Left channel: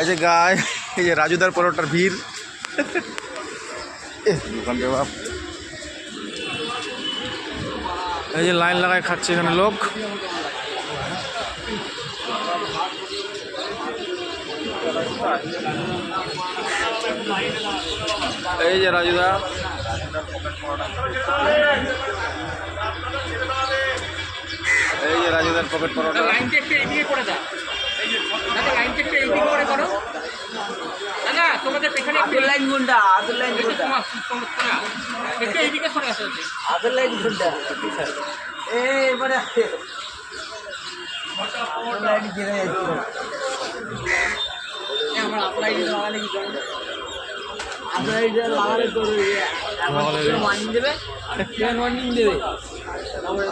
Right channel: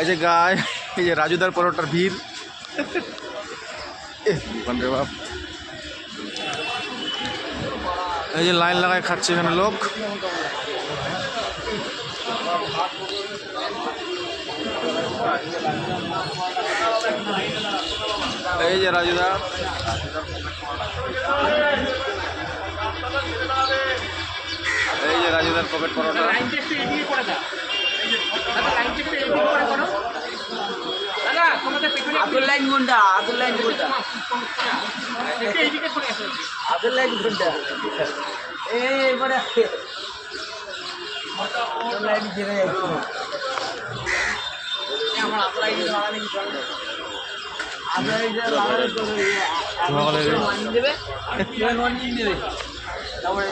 এই যে গায়ে এই যে রাজুদার পরোটার ভিড় দোকান রে বাপ। এই যে লাইন লাগায় খাচ্ছে এখানে লোক। এই যে রাজুদা, এই যে রাজুদার পকেট পরোটা। আদুল লাইন গুন্ডা, আদুল লাইন গুন্ডা, আদুল লাইন গুন্ডা। এবারে আদুল লাইন ঘিরে যাচ্ছে। আমার আদুল লাইন লাগালে কি জানো? আমরা এই যে লাগালে তো ওয়ার্নিং দেবে, ওয়ার্নিং দেবে। তারপরে